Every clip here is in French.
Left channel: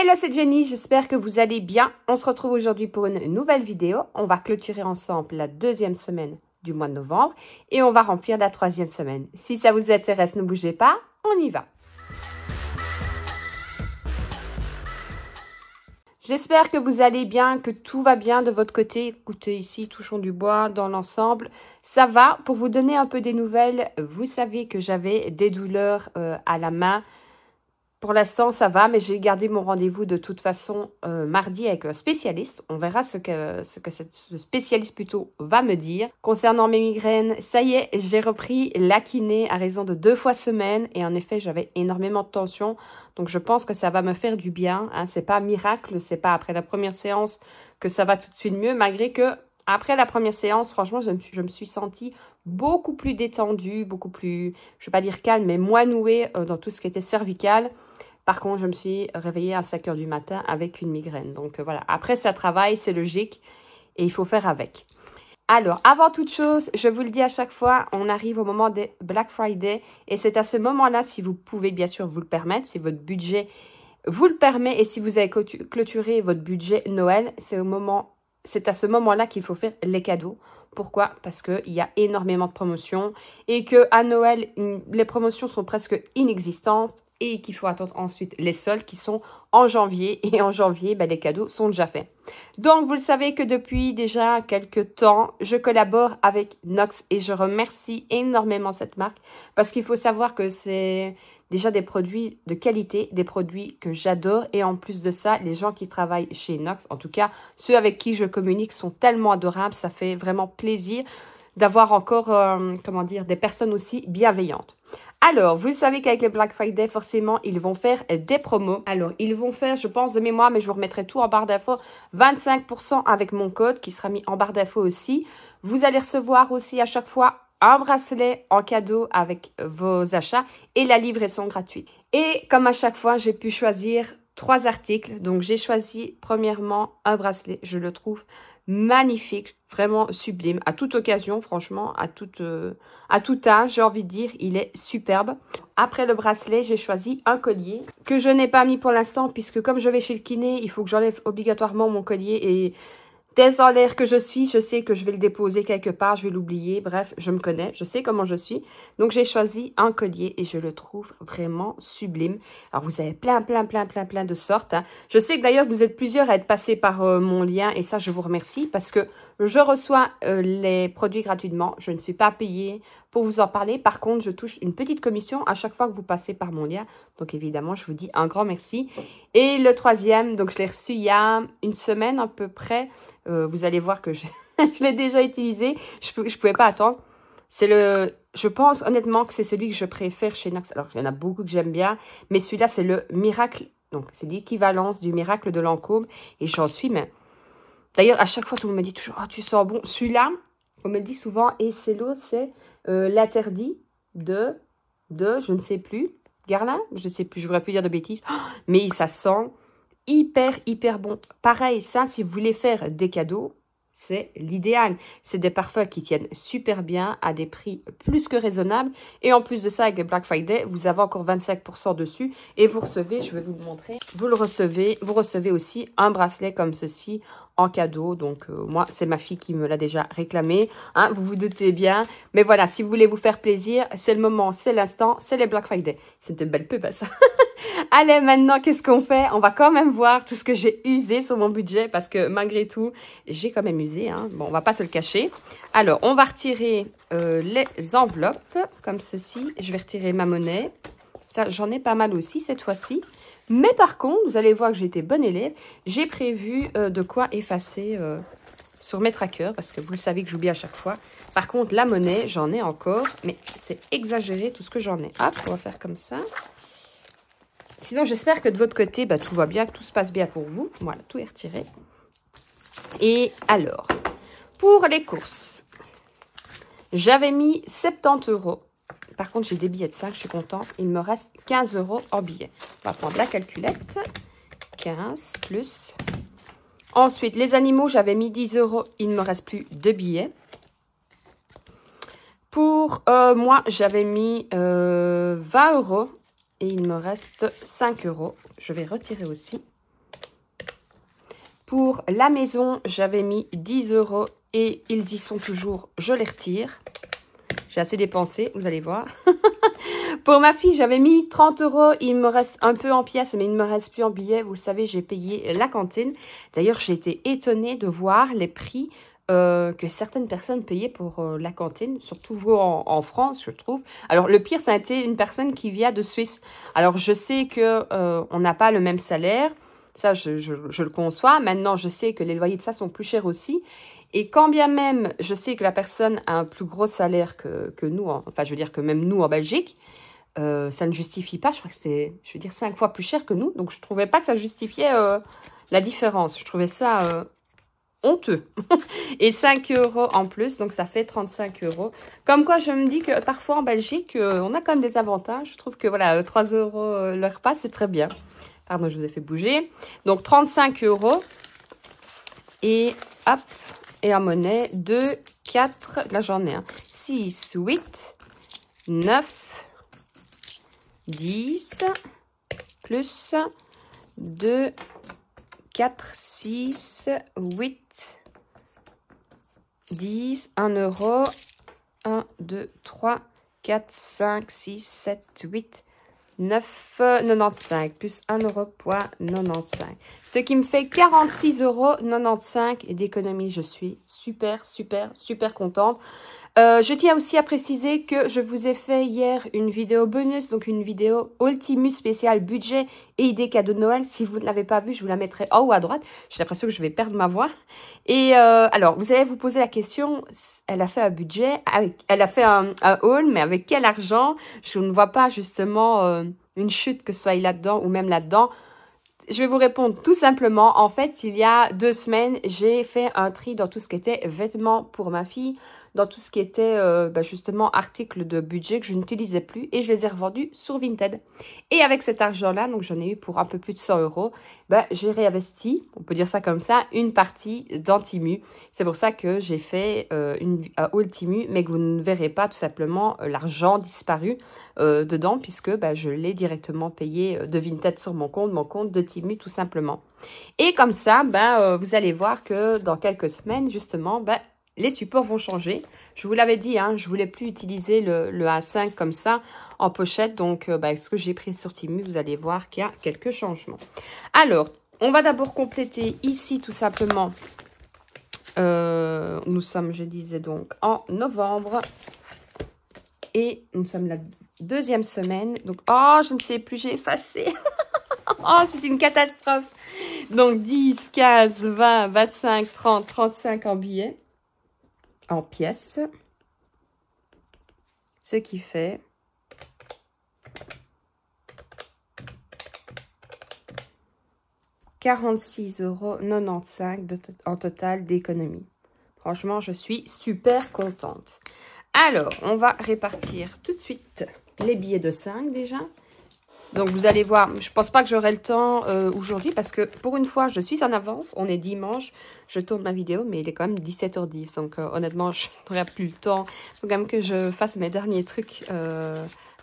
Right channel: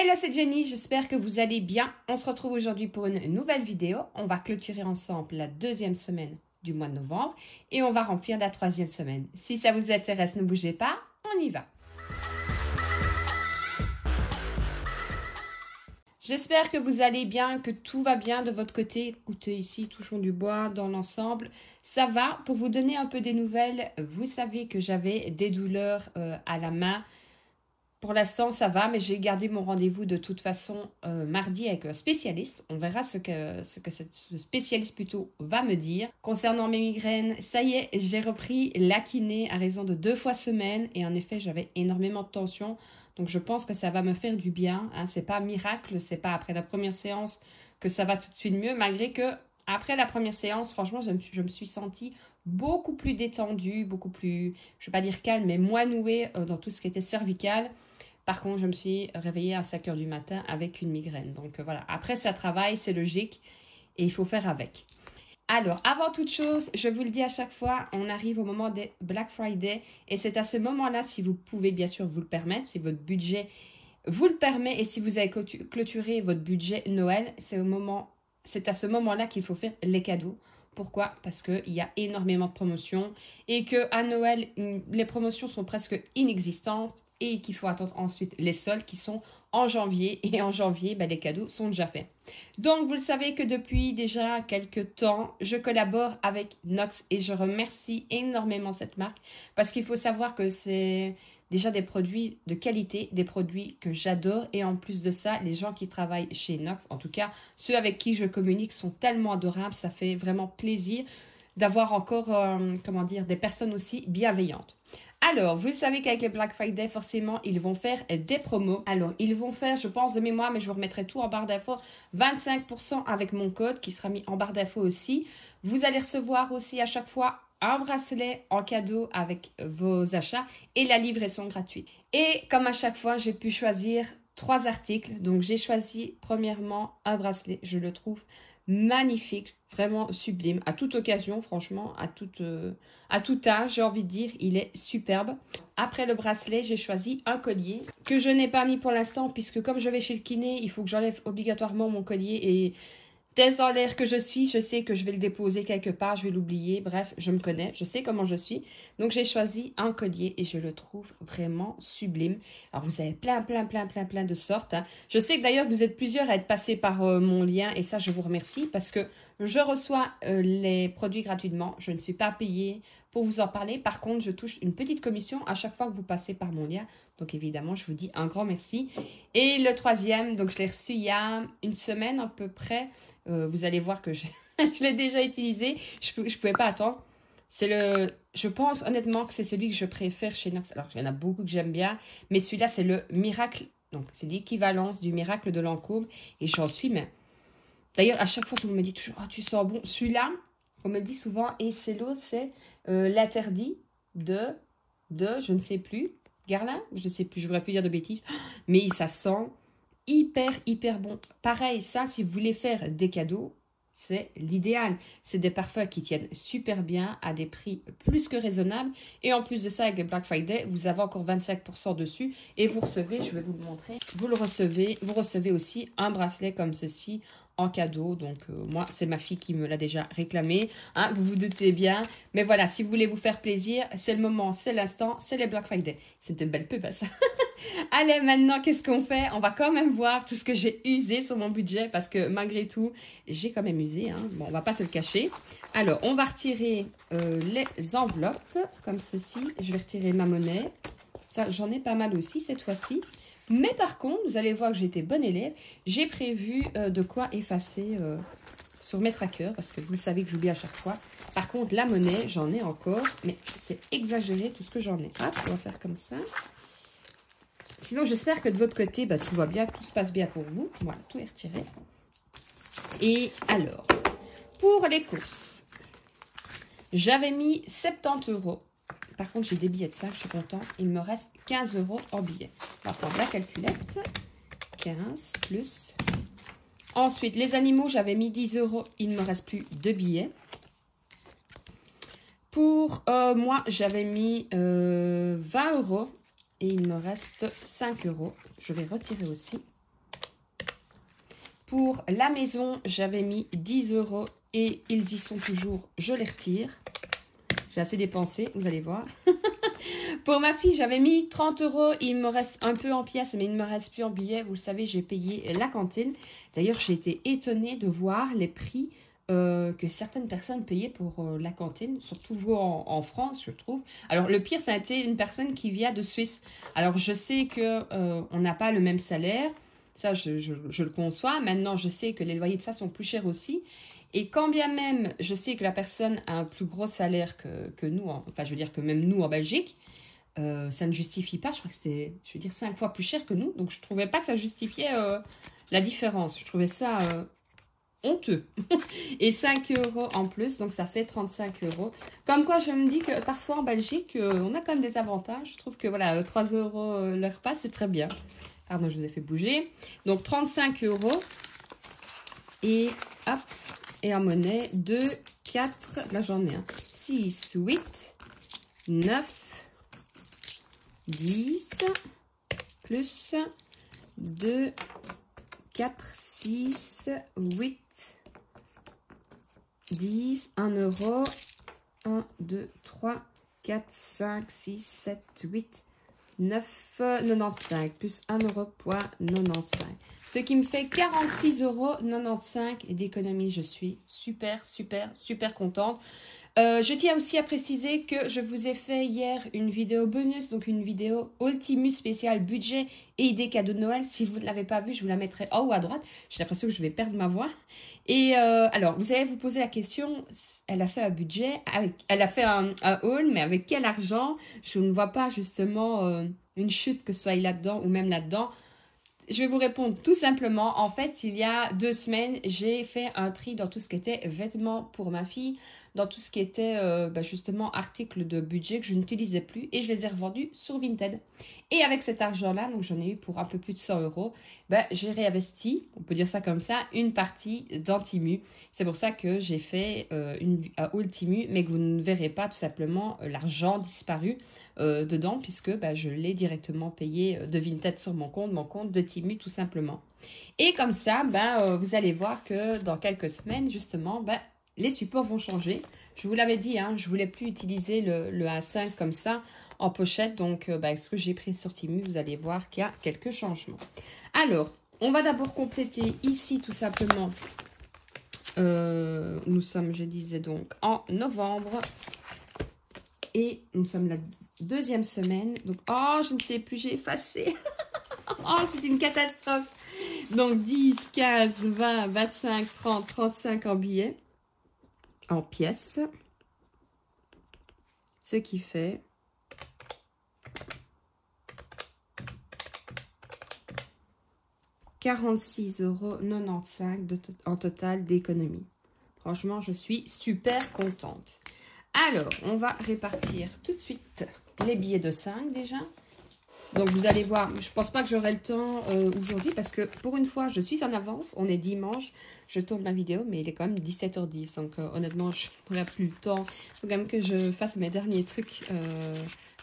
Hello, c'est Jenny, j'espère que vous allez bien. On se retrouve aujourd'hui pour une nouvelle vidéo. On va clôturer ensemble la deuxième semaine du mois de novembre et on va remplir la troisième semaine. Si ça vous intéresse, ne bougez pas, on y va. J'espère que vous allez bien, que tout va bien de votre côté. Écoutez, ici, touchons du bois dans l'ensemble. Ça va. Pour vous donner un peu des nouvelles, vous savez que j'avais des douleurs à la main. Pour l'instant, ça va, mais j'ai gardé mon rendez-vous de toute façon mardi avec un spécialiste. On verra ce que le spécialiste plutôt va me dire. Concernant mes migraines, ça y est, j'ai repris la kiné à raison de 2 fois semaine. Et en effet, j'avais énormément de tension. Donc, je pense que ça va me faire du bien. Hein. C'est pas miracle, c'est pas après la première séance que ça va tout de suite mieux. Malgré que, après la première séance, franchement, je me suis sentie beaucoup plus détendue, beaucoup plus, je vais pas dire calme, mais moins nouée dans tout ce qui était cervical. Par contre, je me suis réveillée à 5 h du matin avec une migraine. Donc voilà, après ça travaille, c'est logique et il faut faire avec. Alors, avant toute chose, je vous le dis à chaque fois, on arrive au moment des Black Friday. Et c'est à ce moment-là, si vous pouvez bien sûr vous le permettre, si votre budget vous le permet et si vous avez clôturé votre budget Noël, c'est à ce moment-là qu'il faut faire les cadeaux. Pourquoi? Parce qu'il y a énormément de promotions et qu'à Noël, les promotions sont presque inexistantes. Et qu'il faut attendre ensuite les soldes qui sont en janvier. Et en janvier, les cadeaux sont déjà faits. Donc, vous le savez que depuis déjà quelques temps, je collabore avec Nox. Et je remercie énormément cette marque. Parce qu'il faut savoir que c'est déjà des produits de qualité, des produits que j'adore. Et en plus de ça, les gens qui travaillent chez Nox, en tout cas, ceux avec qui je communique sont tellement adorables. Ça fait vraiment plaisir d'avoir encore, comment dire, des personnes aussi bienveillantes. Alors, vous savez qu'avec le Black Friday, forcément, ils vont faire des promos. Alors, ils vont faire, je pense de mémoire, mais je vous remettrai tout en barre d'infos, 25% avec mon code qui sera mis en barre d'infos aussi. Vous allez recevoir aussi à chaque fois un bracelet en cadeau avec vos achats et la livraison gratuite. Et comme à chaque fois, j'ai pu choisir 3 articles. Donc, j'ai choisi premièrement un bracelet. Je le trouve magnifique, vraiment sublime, à toute occasion, franchement, à tout âge, j'ai envie de dire, il est superbe. Après le bracelet, j'ai choisi un collier que je n'ai pas mis pour l'instant, puisque comme je vais chez le kiné, il faut que j'enlève obligatoirement mon collier et dès en l'air que je suis, je sais que je vais le déposer quelque part, je vais l'oublier, bref, je me connais, je sais comment je suis. Donc, j'ai choisi un collier et je le trouve vraiment sublime. Alors, vous avez plein de sortes. Hein. Je sais que d'ailleurs, vous êtes plusieurs à être passés par mon lien et ça, je vous remercie parce que je reçois les produits gratuitement. Je ne suis pas payée pour vous en parler. Par contre, je touche une petite commission à chaque fois que vous passez par mon lien. Donc, évidemment, je vous dis un grand merci. Et le troisième, donc je l'ai reçu il y a une semaine à peu près. Vous allez voir que je l'ai déjà utilisé. Je ne pouvais pas attendre. Je pense honnêtement que c'est celui que je préfère chez Nox. Alors, il y en a beaucoup que j'aime bien. Mais celui-là, c'est le Miracle. Donc, c'est l'équivalence du Miracle de Lancôme. Et j'en suis, mais... D'ailleurs, à chaque fois, tout le monde me dit toujours, oh, tu sens bon. Celui-là, on me dit souvent, et c'est l'autre, c'est l'interdit de, je ne sais plus, Guerlain, je ne sais plus, je ne voudrais plus dire de bêtises. Oh, mais ça sent... hyper bon. Pareil, ça, si vous voulez faire des cadeaux, c'est l'idéal. C'est des parfums qui tiennent super bien à des prix plus que raisonnables. Et en plus de ça, avec le Black Friday, vous avez encore 25% dessus. Et vous recevez, je vais vous le montrer, vous recevez aussi un bracelet comme ceci en cadeau. Donc, moi, c'est ma fille qui me l'a déjà réclamé. Hein, vous vous doutez bien. Mais voilà, si vous voulez vous faire plaisir, c'est le moment, c'est l'instant, c'est les Black Friday. C'est une belle pub, hein, ça. Allez, maintenant, qu'est-ce qu'on fait? On va quand même voir tout ce que j'ai usé sur mon budget parce que malgré tout, j'ai quand même usé. Hein. Bon, on va pas se le cacher. Alors, on va retirer les enveloppes comme ceci. Je vais retirer ma monnaie. Ça, j'en ai pas mal aussi cette fois-ci. Mais par contre, vous allez voir que j'ai été bonne élève. J'ai prévu de quoi effacer sur mes trackers parce que vous le savez que j'oublie à chaque fois. Par contre, la monnaie, j'en ai encore. Mais c'est exagéré tout ce que j'en ai. Hop, on va faire comme ça. Sinon, j'espère que de votre côté, tout va bien, que tout se passe bien pour vous. Voilà, tout est retiré. Et alors, pour les courses, j'avais mis 70 €. Par contre, j'ai des billets de 5, je suis contente. Il me reste 15 € en billets. On va prendre la calculette. 15 plus. Ensuite, les animaux, j'avais mis 10 €. Il ne me reste plus de billets. Pour moi, j'avais mis 20 €. Et il me reste 5 €. Je vais retirer aussi. Pour la maison, j'avais mis 10 € et ils y sont toujours. Je les retire. J'ai assez dépensé, vous allez voir. Pour ma fille, j'avais mis 30 €. Il me reste un peu en pièces, mais il ne me reste plus en billets. Vous le savez, j'ai payé la cantine. D'ailleurs, j'ai été étonnée de voir les prix que certaines personnes payaient pour la cantine, surtout vous en France, je trouve. Alors, le pire, ça a été une personne qui vient de Suisse. Alors, je sais que on n'a pas le même salaire. Ça, je le conçois. Maintenant, je sais que les loyers de ça sont plus chers aussi. Et quand bien même, je sais que la personne a un plus gros salaire que nous, enfin, je veux dire que même nous en Belgique, ça ne justifie pas. Je crois que c'était, je veux dire, 5 fois plus cher que nous. Donc, je ne trouvais pas que ça justifiait la différence. Je trouvais ça honteux. Et 5 € en plus, donc ça fait 35 €. Comme quoi, je me dis que parfois en Belgique, on a quand même des avantages. Je trouve que voilà, 3 € le repas, c'est très bien. Pardon, je vous ai fait bouger. Donc 35 €. Et hop, et en monnaie, 2, 4, là j'en ai un. 6, 8, 9, 10, plus 2, 4, 6, 8, 10, 1 €, 1, 2, 3, 4, 5, 6, 7, 8, 9,95 plus 1,95 €. Ce qui me fait 46,95 € et d'économie. Je suis super, super, super contente. Je tiens aussi à préciser que je vous ai fait hier une vidéo bonus, donc une vidéo Ultimus spéciale budget et idées cadeaux de Noël. Si vous ne l'avez pas vue, je vous la mettrai en haut à droite. J'ai l'impression que je vais perdre ma voix. Et alors, vous allez vous poser la question, elle a fait un budget, elle a fait un haul, mais avec quel argent? Je ne vois pas justement une chute que ce soit là-dedans ou même là-dedans. Je vais vous répondre tout simplement. En fait, il y a 2 semaines, j'ai fait un tri dans tout ce qui était vêtements pour ma fille, dans tout ce qui était justement articles de budget que je n'utilisais plus et je les ai revendus sur Vinted. Et avec cet argent-là, donc j'en ai eu pour un peu plus de 100 €, j'ai réinvesti, on peut dire ça comme ça, une partie dans Temu. C'est pour ça que j'ai fait un haul Temu, mais que vous ne verrez pas tout simplement l'argent disparu dedans, puisque je l'ai directement payé de Vinted sur mon compte de Temu tout simplement. Et comme ça, vous allez voir que dans quelques semaines, justement, les supports vont changer. Je vous l'avais dit, hein, je ne voulais plus utiliser le A5 comme ça en pochette. Donc, ce que j'ai pris sur Temu, vous allez voir qu'il y a quelques changements. Alors, on va d'abord compléter ici tout simplement. Nous sommes, je disais donc, en novembre. Et nous sommes la 2e semaine. Donc, oh, je ne sais plus, j'ai effacé. Oh, c'est une catastrophe. Donc, 10, 15, 20, 25, 30, 35 en billets. En pièces, ce qui fait 46,95 € en total d'économie. Franchement, je suis super contente. Alors, on va répartir tout de suite les billets de 5 déjà. Donc, vous allez voir, je ne pense pas que j'aurai le temps aujourd'hui parce que pour une fois, je suis en avance. On est dimanche, je tourne ma vidéo, mais il est quand même 17h10. Donc, honnêtement, je n'aurai plus le temps. Il faut quand même que je fasse mes derniers trucs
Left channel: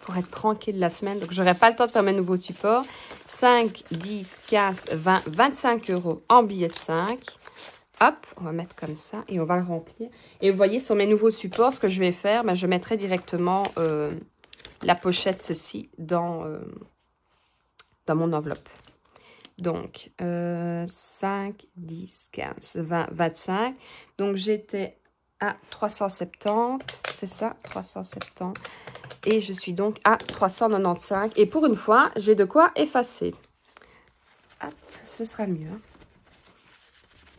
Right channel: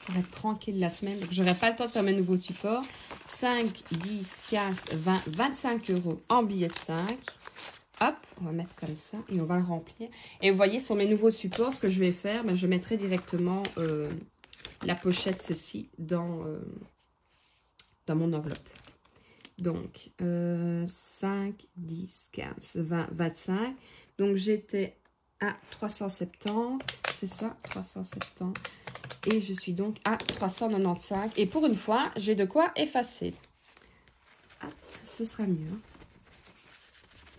pour être tranquille la semaine. Donc, je n'aurai pas le temps de faire mes nouveaux supports. 5, 10, 15, 20, 25 € en billets de 5. Hop, on va mettre comme ça et on va le remplir. Et vous voyez, sur mes nouveaux supports, ce que je vais faire, je mettrai directement la pochette, ceci, dans mon enveloppe. Donc, 5, 10, 15, 20, 25. Donc, j'étais à 370, c'est ça, 370. Et je suis donc à 395. Et pour une fois, j'ai de quoi effacer. Hop, ce sera mieux. Hein.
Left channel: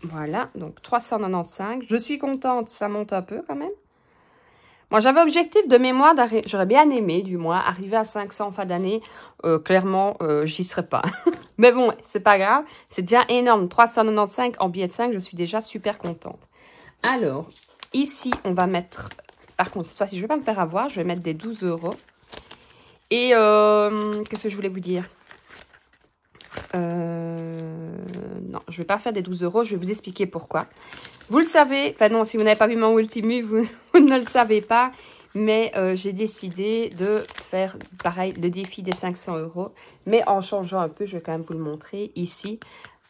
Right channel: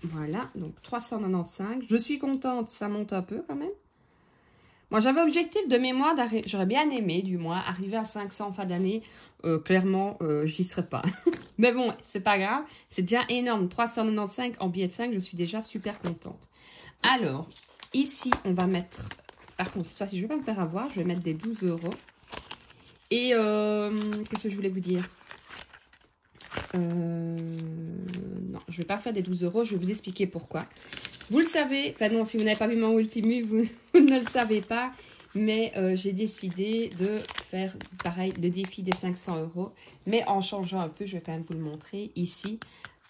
Voilà, donc 395. Je suis contente, ça monte un peu quand même. Moi, j'avais objectif de mémoire, j'aurais bien aimé, du moins, arriver à 500 en fin d'année. Clairement, j'y serais pas. Mais bon, c'est pas grave. C'est déjà énorme. 395 en billet de 5, je suis déjà super contente. Alors, ici, on va mettre... Par contre, cette fois-ci, je ne vais pas me faire avoir. Je vais mettre des 12 €. Et qu'est-ce que je voulais vous dire? Non, je ne vais pas faire des 12 €. Je vais vous expliquer pourquoi. Vous le savez, enfin non, si vous n'avez pas vu mon Ultimu, vous ne le savez pas. Mais j'ai décidé de faire pareil, le défi des 500 €. Mais en changeant un peu, je vais quand même vous le montrer ici.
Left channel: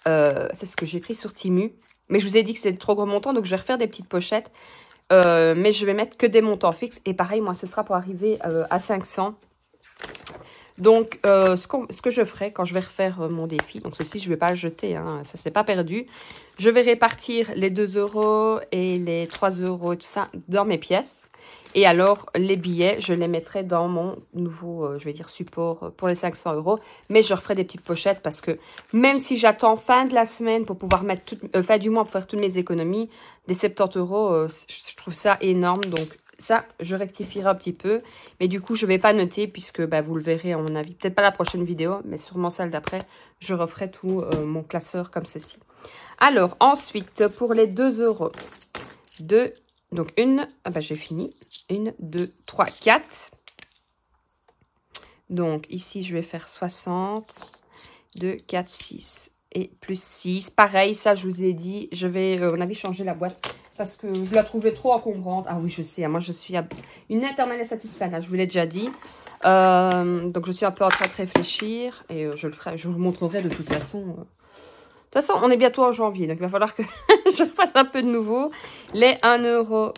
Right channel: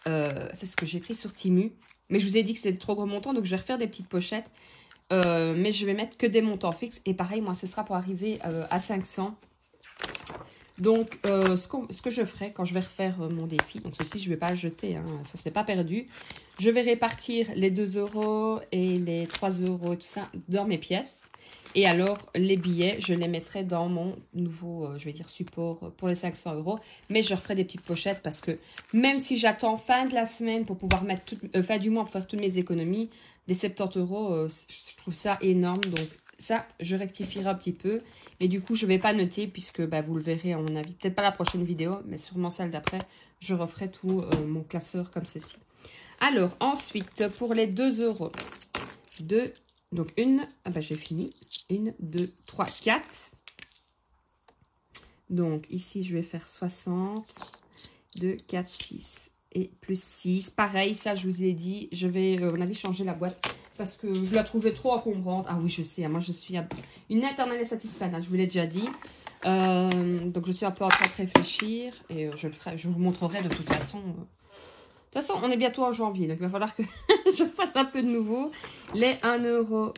C'est ce que j'ai pris sur Temu. Mais je vous ai dit que c'était de trop gros montants, donc je vais refaire des petites pochettes. Mais je vais mettre que des montants fixes. Et pareil, moi, ce sera pour arriver à 500. Donc, ce que je ferai quand je vais refaire mon défi, donc ceci, je ne vais pas le jeter, hein, ça, c'est pas perdu. Je vais répartir les 2 € et les 3 € et tout ça dans mes pièces. Et alors, les billets, je les mettrai dans mon nouveau, je vais dire, support pour les 500 €. Mais je referai des petites pochettes parce que même si j'attends fin de la semaine pour pouvoir mettre, fin du mois pour faire toutes mes économies, des 70 €, je trouve ça énorme. Donc, ça, je rectifierai un petit peu. Et du coup, je ne vais pas noter puisque bah, vous le verrez à mon avis. Peut-être pas la prochaine vidéo, mais sûrement celle d'après. Je referai tout mon classeur comme ceci. Alors, ensuite, pour les 2 €, donc une, ah bah, j'ai fini. 1, 2, 3, 4. Donc, ici, je vais faire 60. 2, 4, 6. Et plus 6. Pareil, ça, je vous ai dit, je vais, on avait changé la boîte. Parce que je la trouvais trop encombrante. Ah oui, je sais, hein, moi je suis une éternelle satisfaite, hein, je vous l'ai déjà dit. Donc je suis un peu en train de réfléchir et je le ferai, je vous montrerai de toute façon. De toute façon, on est bientôt en janvier, donc il va falloir que je fasse un peu de nouveau. Les 1 €, hop,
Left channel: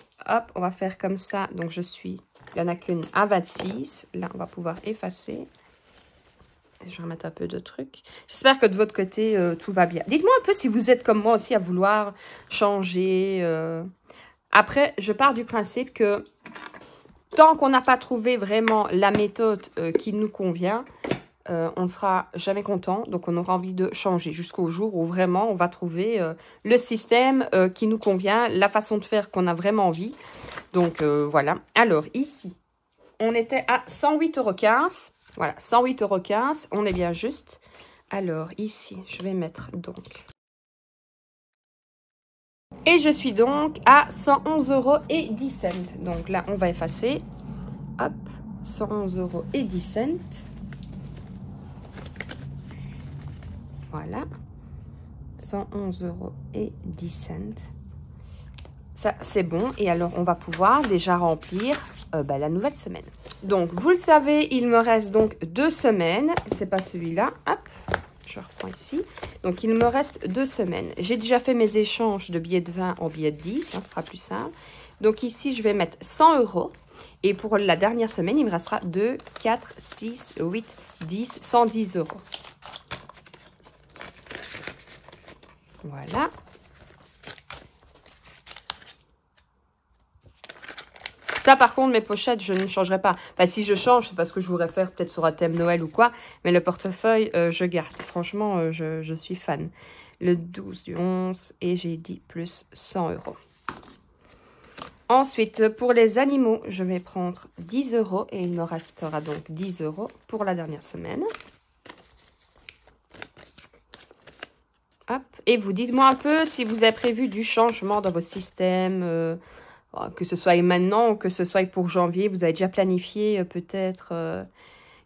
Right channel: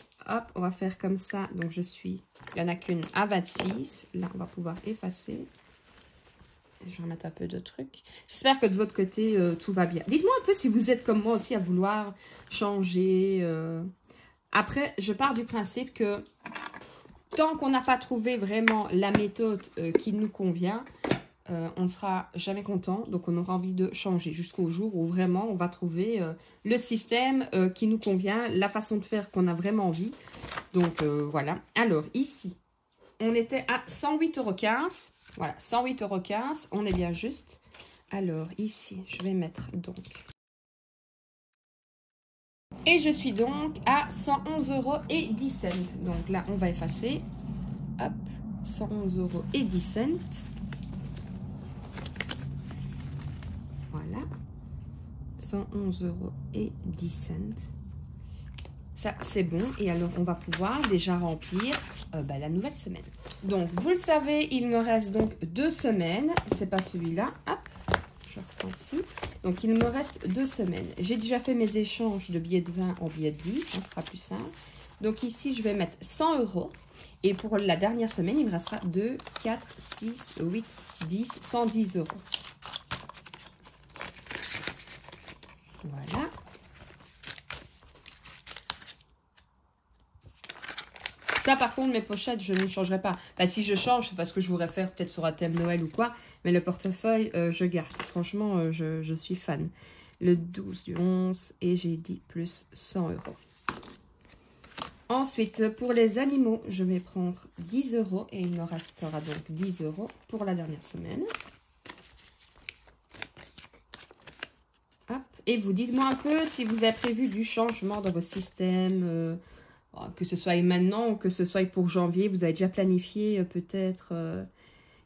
on va faire comme ça. Donc il n'y en a qu'une à 26. Là, on va pouvoir effacer. Je vais remettre un peu de trucs. J'espère que de votre côté, tout va bien. Dites-moi un peu si vous êtes comme moi aussi à vouloir changer. Après, je pars du principe que tant qu'on n'a pas trouvé vraiment la méthode qui nous convient, on ne sera jamais content. Donc, on aura envie de changer jusqu'au jour où vraiment on va trouver le système qui nous convient, la façon de faire qu'on a vraiment envie. Donc, voilà. Alors, ici, on était à 108,15 €. Voilà, 108,15 €, on est bien juste. Alors, ici, je vais mettre donc. Et je suis donc à 111,10 €. Donc là, on va effacer. Hop, 111,10 €. Voilà. 111,10 €. Ça, c'est bon. Et alors, on va pouvoir déjà remplir la nouvelle semaine. Donc, vous le savez, il me reste donc 2 semaines. C'est pas celui-là. Hop, je reprends ici. Donc, il me reste 2 semaines. J'ai déjà fait mes échanges de billets de 20 en billets de 10. Ça sera plus simple. Donc, ici, je vais mettre 100 €. Et pour la dernière semaine, il me restera 2, 4, 6, 8, 10, 110 €. Voilà. Ça, par contre, mes pochettes, je ne changerai pas. Enfin, si je change, c'est parce que je voudrais faire peut-être sur un thème Noël ou quoi. Mais le portefeuille, je garde. Franchement, je suis fan. Le 12 du 11 et j'ai dit plus 100 €. Ensuite, pour les animaux, je vais prendre 10 € et il me restera donc 10 € pour la dernière semaine. Hop. Et vous dites-moi un peu si vous avez prévu du changement dans vos systèmes, que ce soit maintenant ou que ce soit pour janvier. Vous avez déjà planifié peut-être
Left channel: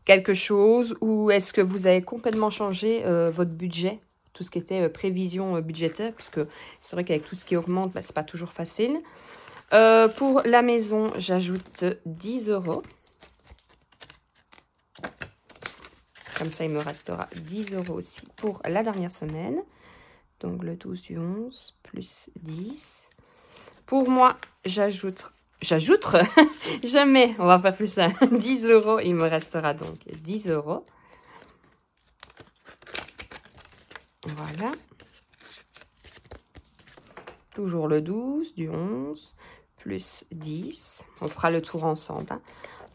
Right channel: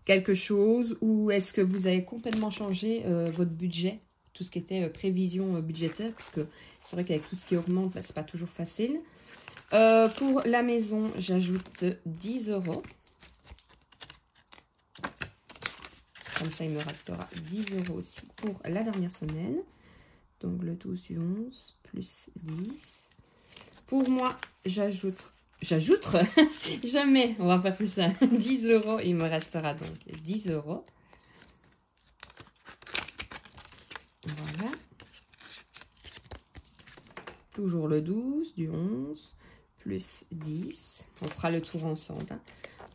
quelque chose ou est-ce que vous avez complètement changé votre budget, tout ce qui était prévision budgétaire, puisque c'est vrai qu'avec tout ce qui augmente, bah, c'est pas toujours facile. Pour la maison, j'ajoute 10 €. Comme ça, il me restera 10 € aussi pour la dernière semaine. Donc, le 12 du 11 plus 10. Pour moi, j'ajoute, jamais, on va faire plus ça, 10 €. Il me restera donc 10 €. Voilà. Toujours le 12 du 11 plus 10. On fera le tour ensemble. Hein.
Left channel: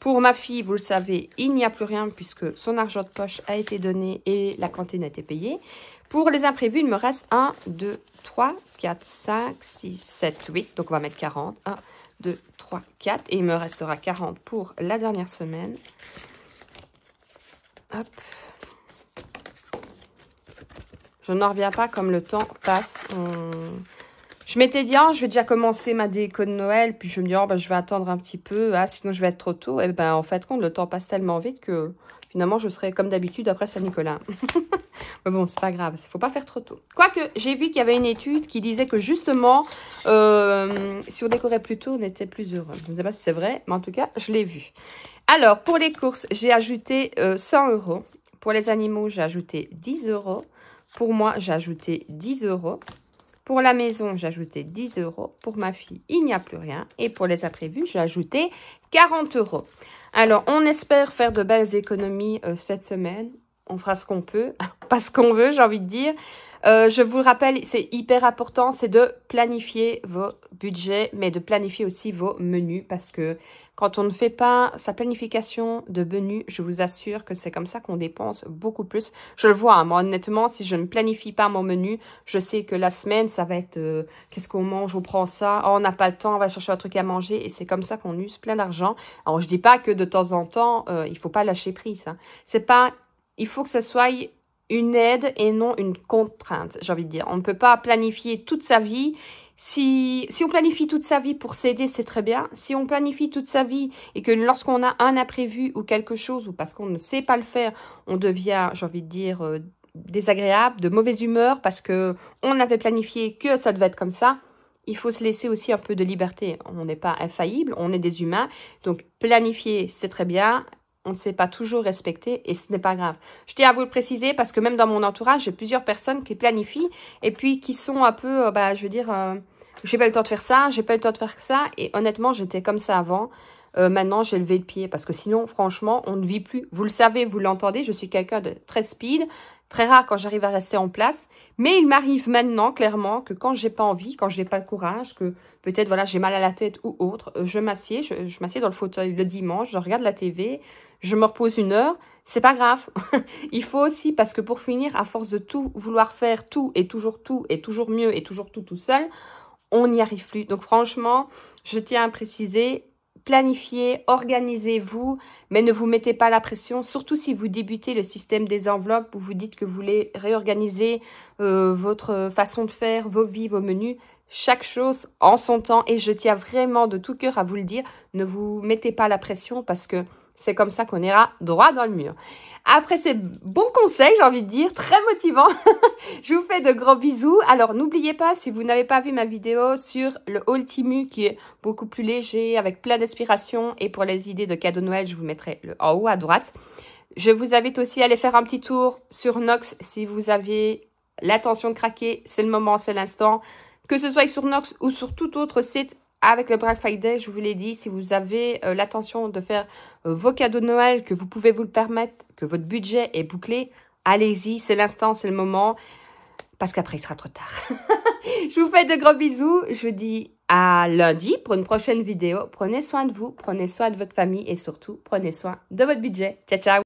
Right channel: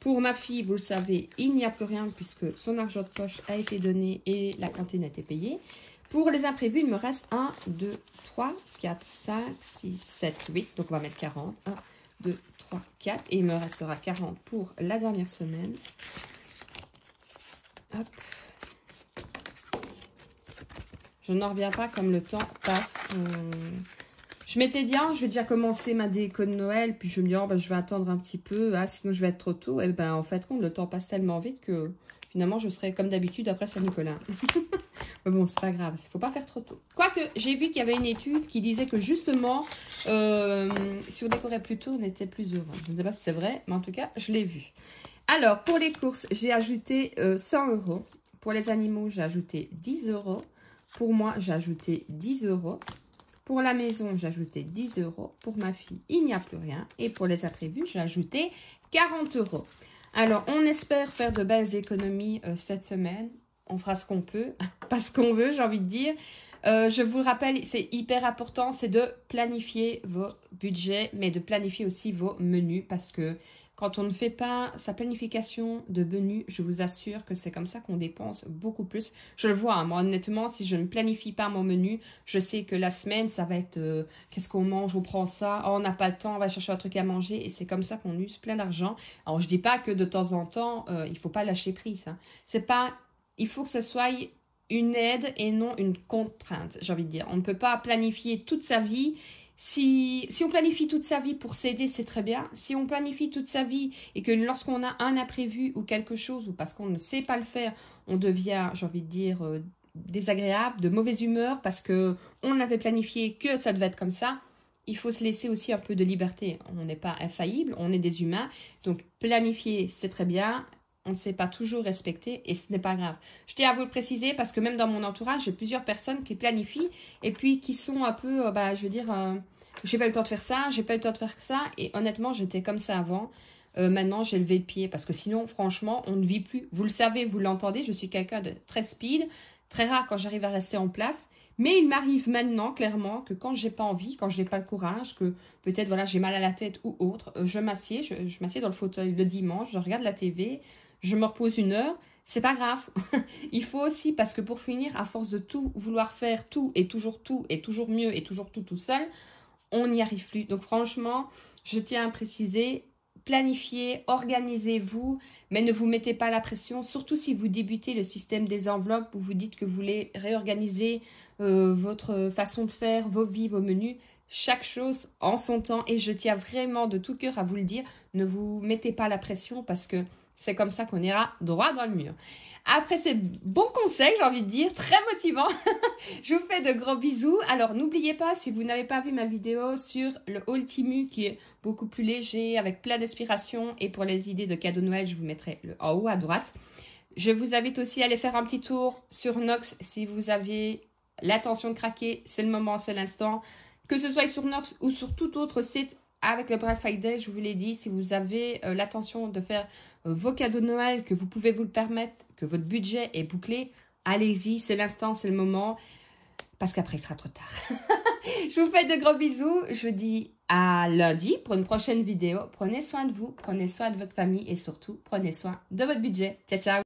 Pour ma fille, vous le savez, il n'y a plus rien puisque son argent de poche a été donné et la cantine a été payée. Pour les imprévus, il me reste 1, 2, 3, 4, 5, 6, 7, 8. Donc, on va mettre 40. 1, 2, 3, 4. Et il me restera 40 pour la dernière semaine. Hop. Je n'en reviens pas comme le temps passe. Je m'étais dit, je vais déjà commencer ma déco de Noël. Puis je me dis, je vais attendre un petit peu. Sinon, je vais être trop tôt. Et ben, en fait, le temps passe tellement vite que finalement, je serai comme d'habitude après Saint-Nicolas. Mais bon, c'est pas grave. Il ne faut pas faire trop tôt. Quoique, j'ai vu qu'il y avait une étude qui disait que justement, si on décorait plus tôt, on était plus heureux. Je ne sais pas si c'est vrai, mais en tout cas, je l'ai vu. Alors, pour les courses, j'ai ajouté 100 €. Pour les animaux, j'ai ajouté 10 €. Pour moi, j'ai ajouté 10 €. Pour la maison, j'ai ajouté 10 €. Pour ma fille, il n'y a plus rien. Et pour les imprévus, j'ai ajouté 40 €. Alors, on espère faire de belles économies cette semaine. On fera ce qu'on peut, pas ce qu'on veut, j'ai envie de dire. Je vous le rappelle, c'est hyper important, c'est de planifier vos budgets, mais de planifier aussi vos menus, parce que quand on ne fait pas sa planification de menus, je vous assure que c'est comme ça qu'on dépense beaucoup plus. Je le vois, hein, moi honnêtement, si je ne planifie pas mon menu, je sais que la semaine, ça va être qu'est-ce qu'on mange, on prend ça, oh, on n'a pas le temps, on va chercher un truc à manger, et c'est comme ça qu'on use plein d'argent. Alors je dis pas que de temps en temps, il ne faut pas lâcher prise, hein. C'est pas, il faut que ce soit une aide et non une contrainte, j'ai envie de dire. On ne peut pas planifier toute sa vie. Si on planifie toute sa vie pour s'aider, c'est très bien. Si on planifie toute sa vie et que lorsqu'on a un imprévu ou quelque chose, ou parce qu'on ne sait pas le faire, on devient, j'ai envie de dire, désagréable, de mauvaise humeur, parce qu'on avait planifié que ça devait être comme ça, il faut se laisser aussi un peu de liberté. On n'est pas infaillible, on est des humains. Donc, planifier, c'est très bien. On ne sait pas toujours respecter et ce n'est pas grave. Je tiens à vous le préciser parce que même dans mon entourage, j'ai plusieurs personnes qui planifient et puis qui sont un peu, je veux dire, j'ai pas eu le temps de faire ça, j'ai pas eu le temps de faire ça. Et honnêtement, j'étais comme ça avant. Maintenant, j'ai levé le pied parce que sinon, franchement, on ne vit plus. Vous le savez, vous l'entendez, je suis quelqu'un de très speed, très rare quand j'arrive à rester en place. Mais il m'arrive maintenant, clairement, que quand j'ai pas envie, quand je n'ai pas le courage, que peut-être, voilà, j'ai mal à la tête ou autre, je m'assieds, je m'assieds dans le fauteuil le dimanche, je regarde la TV, je me repose 1 heure, c'est pas grave. Il faut aussi, parce que pour finir, à force de tout vouloir faire, tout et toujours mieux et toujours tout seul, on n'y arrive plus. Donc franchement, je tiens à préciser, planifiez, organisez-vous, mais ne vous mettez pas la pression, surtout si vous débutez le système des enveloppes, où vous dites que vous voulez réorganiser votre façon de faire, vos vies, vos menus. Chaque chose en son temps, et je tiens vraiment de tout cœur à vous le dire, ne vous mettez pas la pression parce que c'est comme ça qu'on ira droit dans le mur. Après ces bons conseils, j'ai envie de dire, très motivants, je vous fais de gros bisous. Alors, n'oubliez pas, si vous n'avez pas vu ma vidéo sur le haul Temu, qui est beaucoup plus léger, avec plein d'inspiration, et pour les idées de cadeaux Noël, je vous mettrai le en haut à droite. Je vous invite aussi à aller faire un petit tour sur Nox si vous avez l'intention de craquer. C'est le moment, c'est l'instant. Que ce soit sur Nox ou sur tout autre site, avec le Black Friday, je vous l'ai dit, si vous avez l'intention de faire vos cadeaux de Noël, que vous pouvez vous le permettre, que votre budget est bouclé, allez-y, c'est l'instant, c'est le moment, parce qu'après, il sera trop tard. Je vous fais de gros bisous, je vous dis à lundi pour une prochaine vidéo. Prenez soin de vous, prenez soin de votre famille et surtout, prenez soin de votre budget. Ciao, ciao!